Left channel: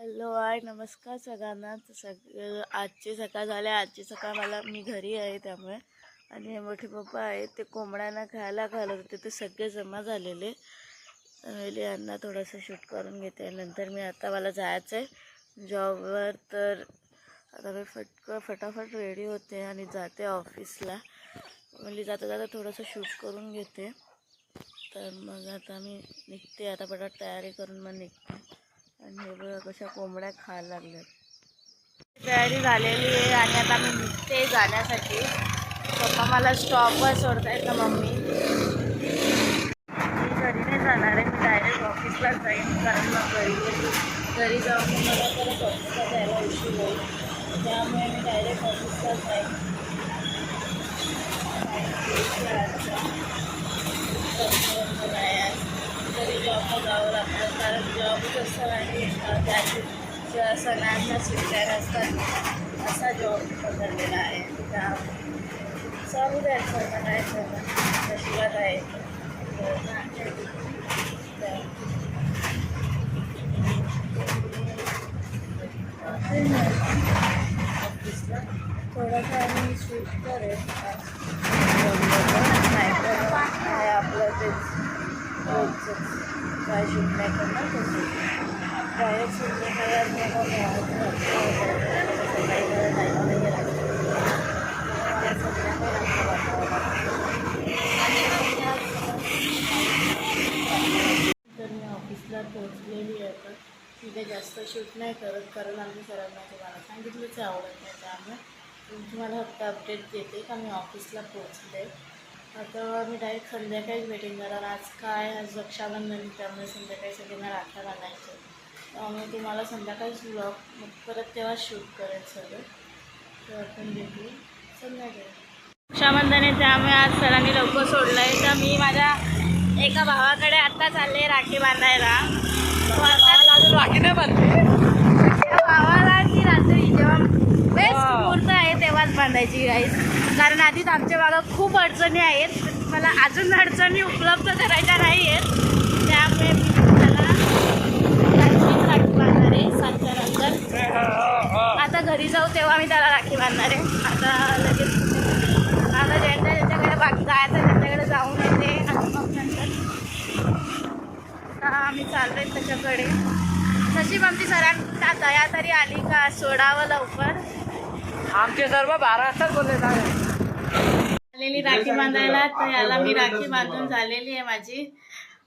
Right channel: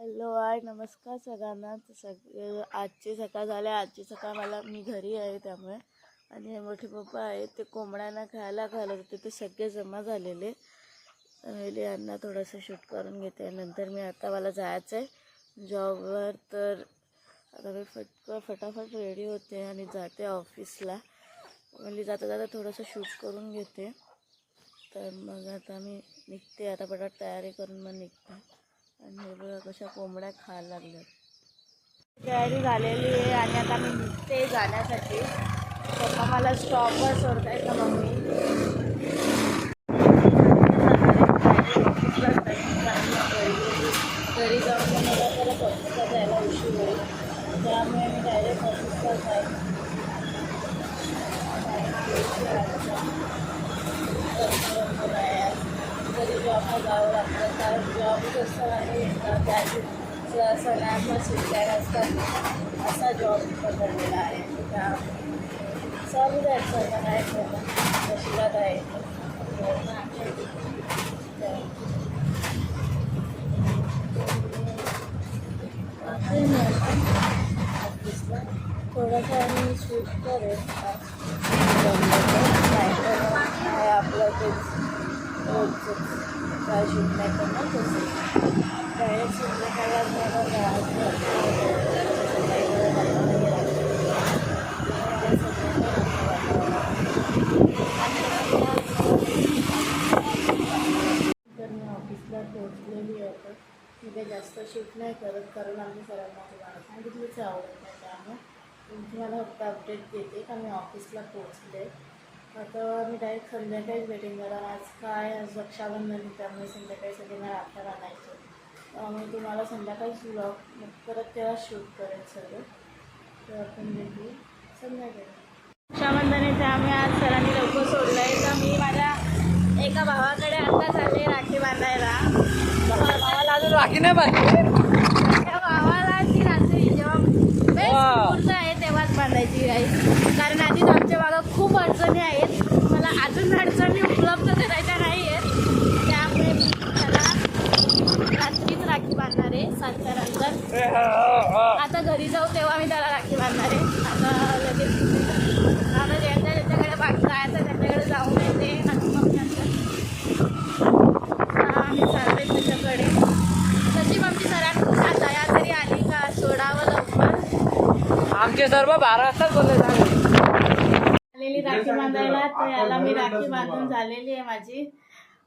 Hello hi नमस्कार सगळ्यांना. आजची सकाळ झाली. आजची सकाळ मी घरी आहे त्यामुळे. आणि हे मोठे पप्पा आहेत ते कोंबड्यांना खायला घालत होते. ते सगळे जमा झालेले. तर यांना थोडंसं शूट करून घेते. नंतर मला जायचं आहे जॉबवर. तर आता मी फटाफट रेडी होते आणि जाते ऑफिसला. जाता जाता थोडंसं शूट करून घेते. तर मग आता मी निघते. आता पटापट तयारी करून मग निघते. आणि हे बघा कशा कोंबड्या खायला लागल्यात. तयारी झालेली आहे आणि आता मी निघते जाण्यासाठी. पप्पा मला स्टॉपवर सोडतायत ना मम्मी. घरी नाही जाणार आहे. मी डायरेक्ट ऑफिसलाच जाईन. कारण मग घरी जाऊन मला परत ऑफिसला जायला उशीर होईल. त्यामुळे मी डायरेक्ट ऑफिसलाच जाईन. घरी जॉबला जावं लागतं. कारण जॉब कसं नाही त्या सणांना सुट्ट्या नसतात असा जॉब पकडलेला आहे. त्या चालू द्यायचं सर्व काय करणं नशिबात आहे. ऑफिसला थोडासा आम्ही शूट करेल. आहे आपलं तेच रोजचं काय शूट नाही करणार तसं डायरेक्ट तर मी ऑफिसला पोहोचलेली आहे. आता मी काही जास्त शूट नाही करत कारण आम्ही सरांना तुम्हाला सांगितलंच आवडत नाही. त्यामुळे तुम्हाला फक्त अपडेट देते का मी ऑफिसला पोहोचले. आता मी डायरेक्ट संध्याकाळीच भेटेन. कारण आज रक्षाबंधन त्यामुळे संध्याकाळी सगळ्यांना राख्या बांधायचं. त्यामुळे तुम्हाला संध्याकाळीच व्लॉग मग परत तेव्हा शूट करेल सगळं. तर आपण भेटू संध्याकाळी. रक्षाबंधन आहे त्यामुळे आज सरांनी लवकर सोडलं आहे. तर मी माझ्या एका भावाकडे आत्ता चालले राखी बांधायला. राखी नाही बांधली त्या भावाला ती रात्री जेव्हा बेस्ट मुहूर्त आहे तेव्हाच बांधायची गाईस. कारण आधीच आमच्या भागात खूप अडचणी आहेत. मला अजून अडचणी उपलब्ध करायच्या नाही आहेत. त्यामुळे मी त्याला रात्रीच राखी बांधणार आहे 7च्या नंतर. आता घरी जाऊ तेव्हा मी त्याला राखी बांधणार आहे. आता लगेच आता ज्यांच्याकडे जायचं त्यांच्याकडे जाऊन येते आणि मग नंतर आम्ही चाललोय त्याच्याकडे. नशीब आमची सरांना दया तरी आली का सोडावं लवकर. आमचे सर्व 12 वाजता बोलले झालेली राखी बांधायला. तर याला मी राखी बांधून झालेली आहे माझी.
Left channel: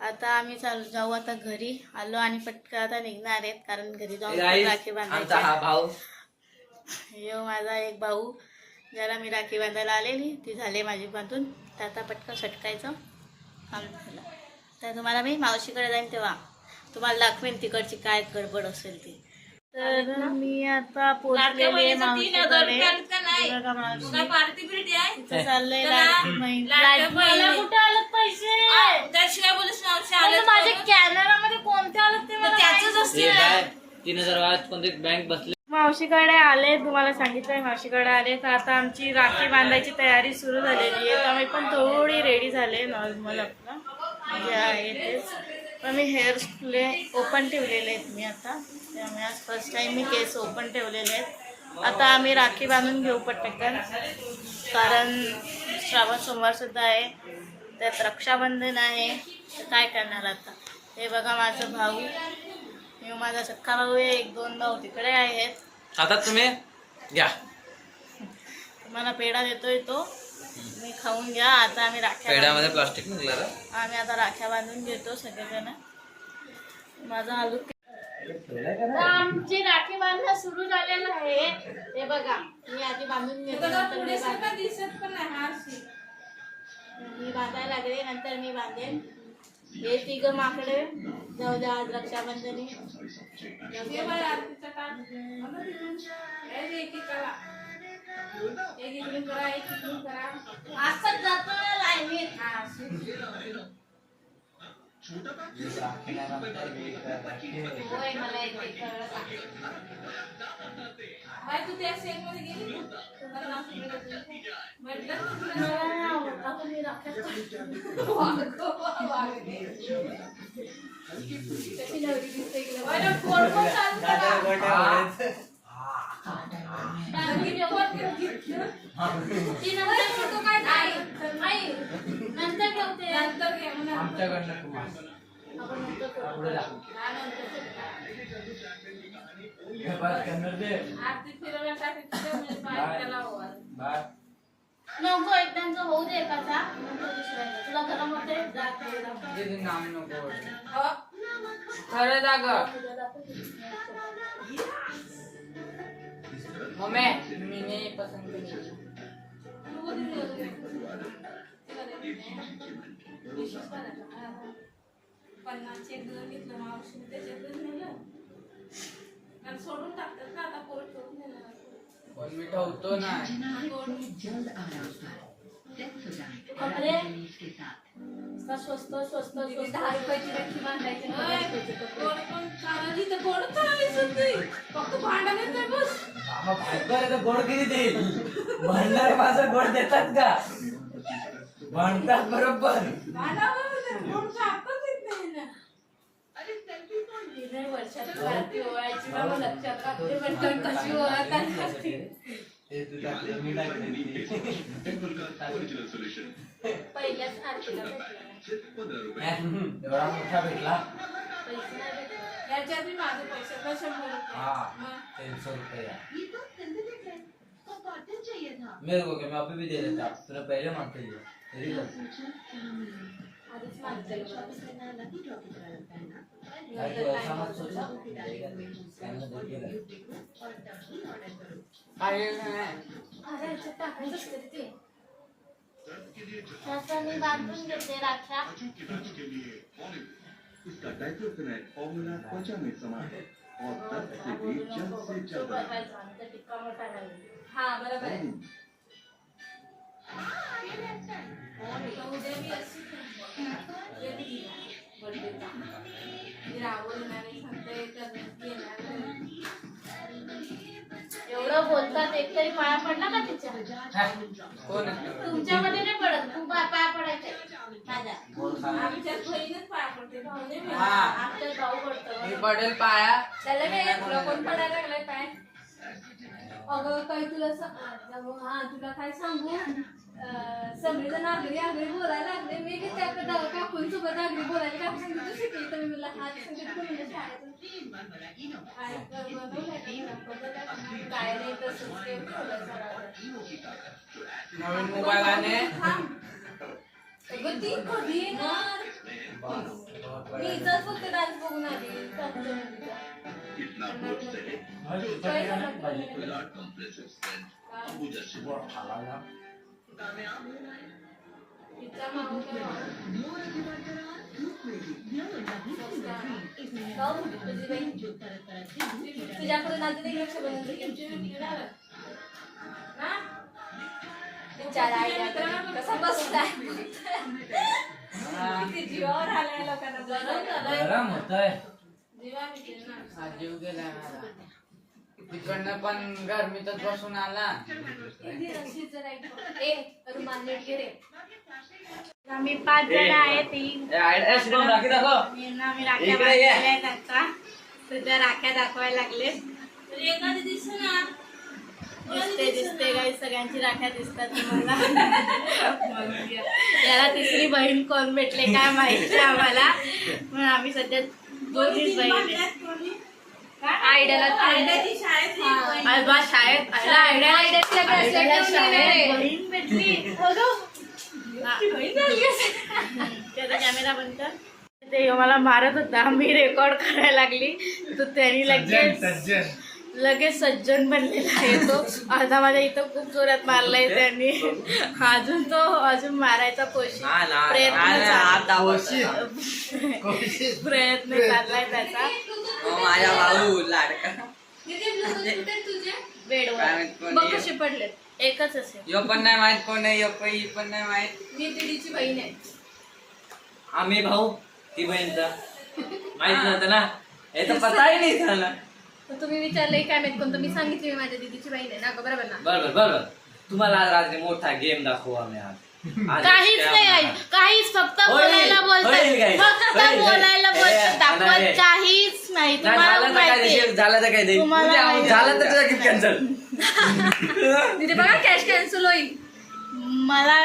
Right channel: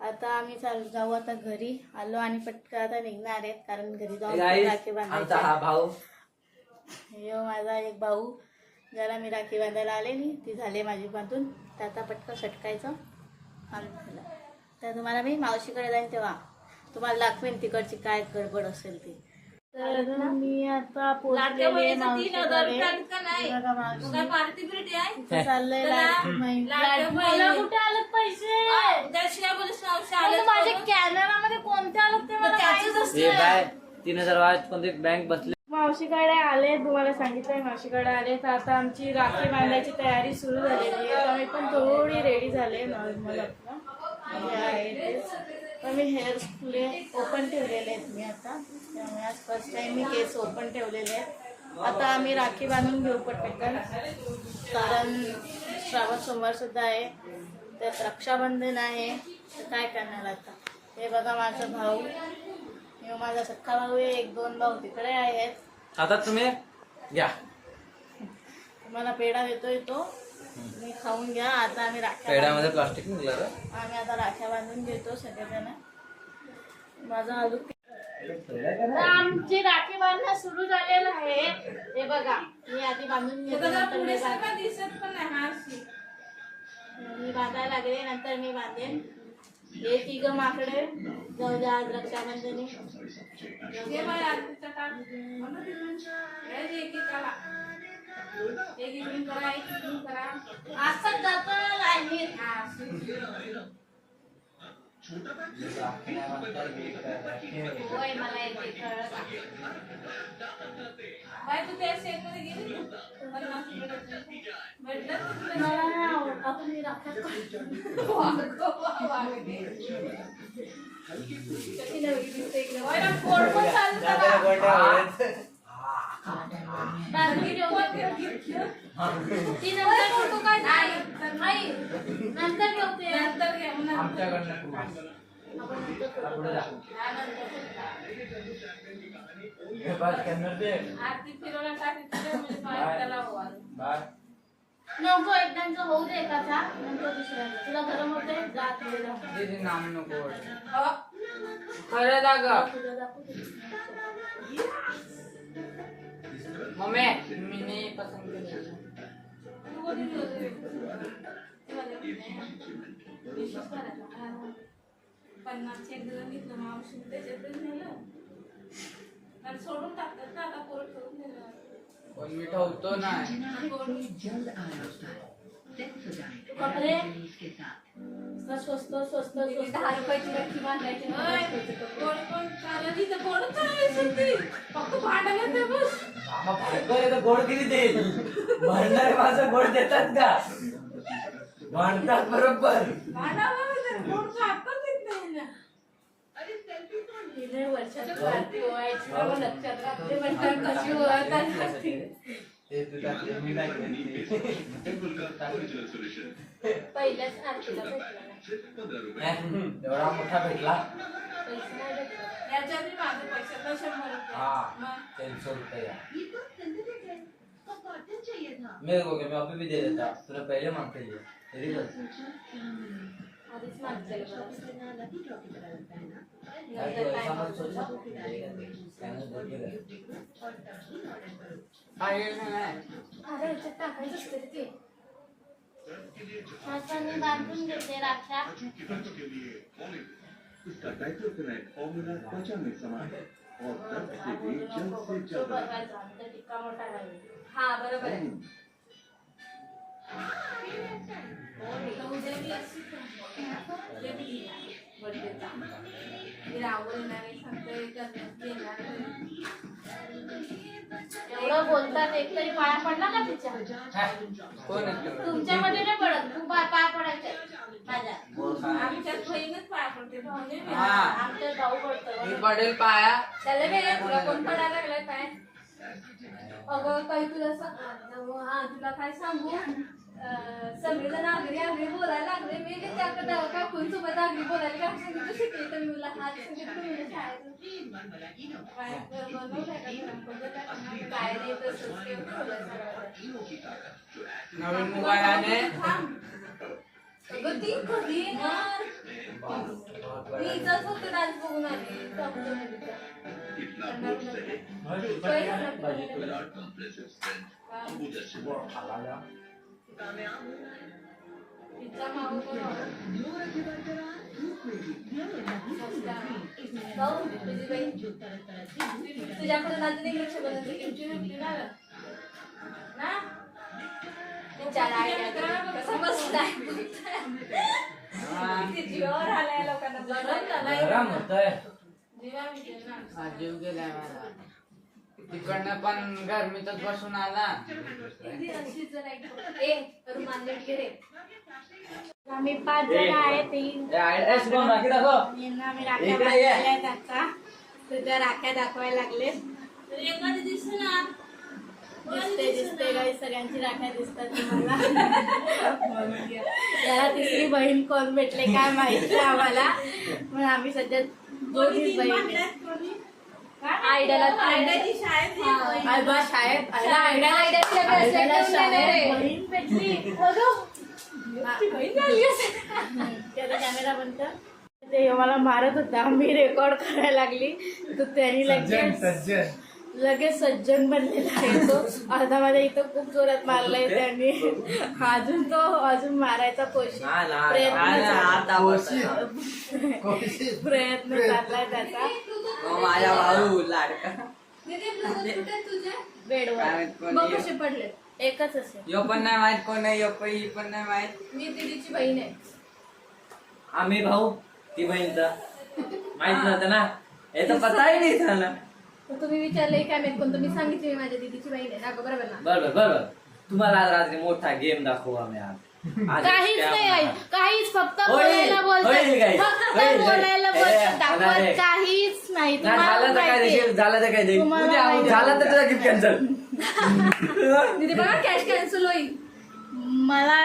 आता आम्ही जाऊ आता घरी आलो आणि पटकन आता निघणार आहेत कारण घरी जाऊन राखी बांधायची. हा भाऊ यो माझा एक भाऊ ज्याला मी राखी बांधायला आलेली ती झाली माझी बांधून. तर आता पटकन सटकायचं काम झालं. तर तुम्हाला मी मावशीकडे जाईन तेव्हा तुम्हाला दाखवेन तिकडची काय गडबड असेल ती. तर मी आता पोहोचलेली आहे मावशीकडे. चाललंय माझ्या कॅमेरामध्ये कोणते आलं ते मला 3000 बँक बसले. मावशीकडे आले. तुम्हाला सांगितलंय मावशीकडे आले. तर आता आमची राखी बांधायची तयारी सुरू झालेली आहे. तर मी पण थोडी रेडी झाले नॉर्मल आपलं जे आहे तेच. पण मी हेअर स्प्ले ओपन ठेवलेले आहेत मी आता. त्यामुळे आज फर्स्ट टाईम मी केस ओपन ठेवलेले आहेत. आता आम्ही राखी बांधून घेऊ पटकन कारण श्रावण सोमवारसुद्धा आहे. त्यात रक्षाबंधन आहे. तर काय करणार आता. हे बघा माझा भाऊ. मी माझा सख्खा भाऊ आहे. 1-2 भाऊ तिकडे आहेत. आता तुम्ही घ्या तुम्हाला पेढा देतोय तो मी खाऊन घ्या. आता आम्ही पेढ्यामध्ये प्लास्टिक निघालं. आम्ही आता राख्या बांधून घेतो सगळेजण. माझा हा लुक. आमची राखी बांधणं सुरू झालेलं आहे. हे बघा मी आधी बांधून घेतो मी बांधायला लागले नंतर मी बांधेन. हे 3 माकडे जाऊ द्या आज रक्षाबंधनी. आजच जातो ना लाईनीत. होय मला येते कळत. तू त्या सेट मध्ये गेली मला आता मी राखत आमच्याकडनं कुमार पुढे जा. हे बस करणार ते. बाय. नको एकदांचं होऊ दे एकाचा नंतर दुसऱ्याचा तुला गरम होते दीदी नाम नको. खरं जागा मम्मी मी नाही पसंत केली. सोडून टाकतात ना आता पोट सोडून देणार पण मी ठेवतो नाही. कपडे स्वस्त स्वस्त 10 रुपयाची राखी बांधायची गोड किती देईल म्हणणारे माझं गोड देतात का म्हणतात बरोबर. वर्षात लक्षात राहते म्हणतात कशी ओळख पहिल्याच आरतीला भेटला एवढा मोठा भेटला. पैसे नाही भेटला याच्या आधी माझे पैसे 300 रुपये मेरे को क्या मैं अभी भी दे देता. तुला पहले मागते दिए तेरी गलती. आधीच मागते ऐसा मत सोचो. कहना देखिए अरे याच्यात टाकायचं असते ते असं मी बांधून घेते राख्या. इसका डाइक्लोफेनाक फॉर्मूला त्वचा में समान है और दर्द के भी जल्द से जल्द टिक्का मोठा घालून. हा बरोबर आहे. एवढं बोलतात एक तरी पाया पडला का तिच्या कोण तुमच्यामध्ये नाही पडत तू पाया पडायचंय माझ्या गोड खा. आमच्यात बहिणीच पाया पडते भाऊने नाही. हा. आमच्यात भाऊ पडतो मी पडेल पाया. त्याला काय तुला कोण पडायला लागलाय काय अगं काही तुला हा तुला काय सांगू सगळेजण आगरी आगरी बोलायला लागले मी त्या काकूंसोबत आगरी बोलायला काय शिकली तर मला हात सांगितलं शाळेत काय नाही नवीन मोबाईल आणे. अगं ती कधी येणार मी इथंच फक्त डान्स बघून आली इतना बोल सके पिझ्झा मागवतो तुझ्याकडे अजून एक लक्ष बनवते ना विचार कसा बसलाय जीवावर आलाय लोकांना गरम होतंय. जीवा जीव गेलाय माझा. तिकडनं पण गरमीतच बसून आला. आम्ही 5 जण आहेत आम्ही राख्या बांधलेल्या आता तुझ्या राख्या दाखवायला लागले. दिसते काही सगळ्यांची राख्या दिसतात तुम्हाला. याला तिसरी बहीण कोण भेटले काय माहिती आम्हाला पण आम्ही सध्या दोन्हीच बहीण आहे. आयडियाला शाळेत बहीण भेटली त्याचा कॅमेरा बंद कर. ते मला मारत होता मी रेकॉर्ड करायला लागली तर त्यांनी लगेच सज्जन बनलेला आहे तो. आता माझ्या इथं खूप जोरात मारलाय त्यांनी. अजून मारायचा प्रयत्न चाललाय त्याचा. माझ्या भाऊ लाडका बेडवर कसे पडले एकच असेल. यो पण नाही माहित कोण आहे. यो पण नाही माहित. मी दीदीची बहीण आहे. आम्ही भाऊ ती बहीण तर माहित नव्हतं ना. हे तर पताही नाही झाला. तर तुम्ही विचारले काय माहित कोणतं मी सांगितले माझ्या दीदीची बहीण आहे ना बरोबर ना. बरोबर तुम्हाला आज रात्री मोठा गेम दाखवू आम्ही आज. काहीच नाही आहे, काहीच फक्त होईल, बोलायला होईल बोलतात, guys, फक्त होईल, बोलायला होईल. बोलतात, दाखवत नाही. काहीच नाही. नाही, तुम्हाला झालं तर काय माहिती receive, झालं तर काय ते तुम्हाला माहिती. झालं तर तुझा गिफ्ट कॅन्सल. तिथे बघा कॅश कॅन्सल होईल. मला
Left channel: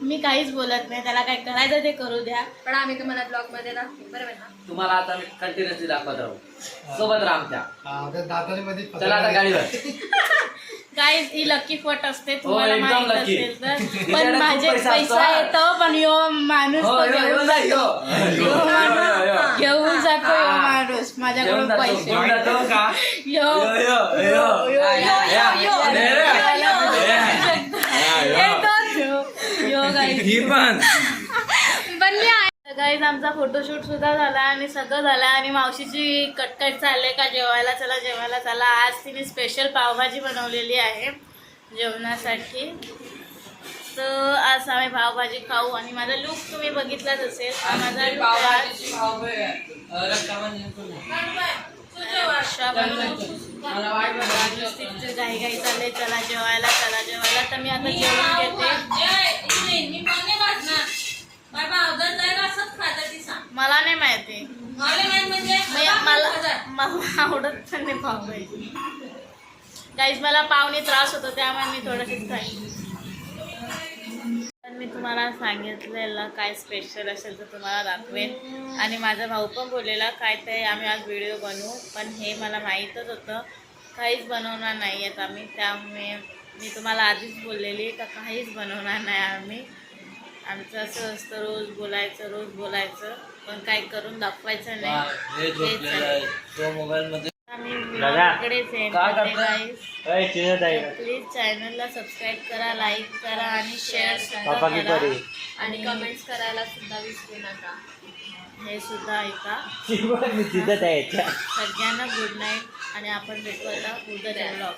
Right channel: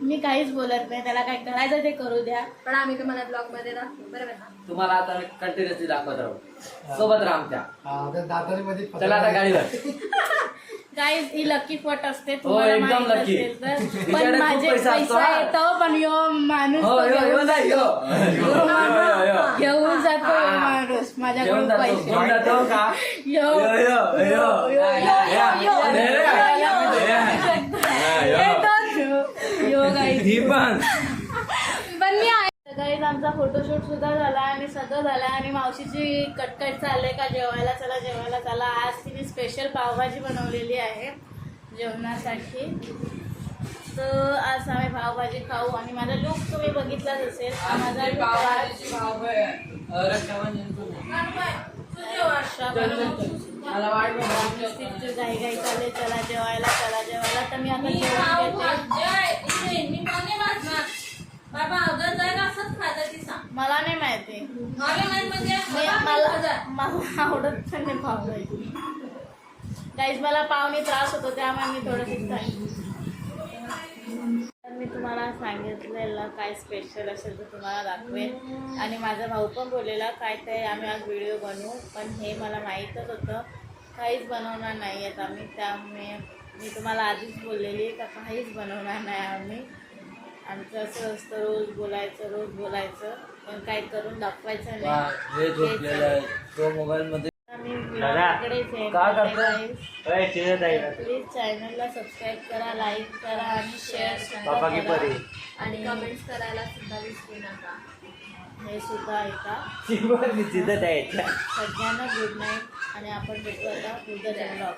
मी काहीच बोलत नाही, त्याला काय करायचं ते करू द्या. पण आम्ही तुम्हाला ब्लॉग मध्ये दाखवू, बरोबर ना? तुम्हाला आता मी कंटिन्युअसली दाखवत राहू सोबत राहा आमच्या. दातांमध्ये चला आता गाडीवर. काय ही लकी फट असते हो, तुम्हाला एकदम माहित lucky. असेल तर. तिच्याकडे पण खूप माझे पैसा असतो, पैसा हा. येतो, पण यो माणूस हो, तो यो, यो, घेऊन जा, यो. जातो. यो, यो, यो. घेऊन जातो यो हा. माणूस माझ्याकडून घेऊन जातो, पैसे. घेऊन जातो का? यो यो, यो, यो. यो guys. ही पण बनली आहे. गाईज आमचा फोटोशूट सुद्धा झाला आणि सगळं झालं आणि मावशीची कटकट चालले का जेवायला चला जेवायला चला. आज तिने स्पेशल पावभाजी बनवलेली आहे जेवणासाठी. तर आज आम्ही पावभाजी खाऊ आणि माझा लुक तुम्ही बघितलाच असेल. हा माझा लुक घाई घाई चालले चला जेवायला. तर मी आता जेवून घेते. मला नाही माहिती, मला आवडत पण नाही पावभाजी. गाईज मला पावने त्रास होतो त्यामुळे मी थोडंशीच खाईन. तर मी तुम्हाला सांगितलेलं काय स्पेशल असेल तर तुम्हाला दाखवेन. आणि माझा भाऊ पण बोललेला काय ते आम्ही आज व्हिडिओ बनवू, पण हे मला माहीतच होतं काहीच बनवणार नाही आहेत आम्ही. त्यामुळे मी तुम्हाला आधीच बोललेली का काहीच बनवणार नाही आम्ही. आमचं असं असतं रोज बोलायचं पण काही करून दाखवायचं नाही. आम्ही ब्लॉगकडेच प्लीज चॅनलला सबस्क्राईब करा, लाईक करा आणि शेअर सुद्धा करा आणि कमेंट्स करायला सुद्धा विसरू नका. हे सुद्धा ऐका. सगळ्यांना गुड नाईट आणि आपण भेटू आता उद्याच्या ब्लॉग.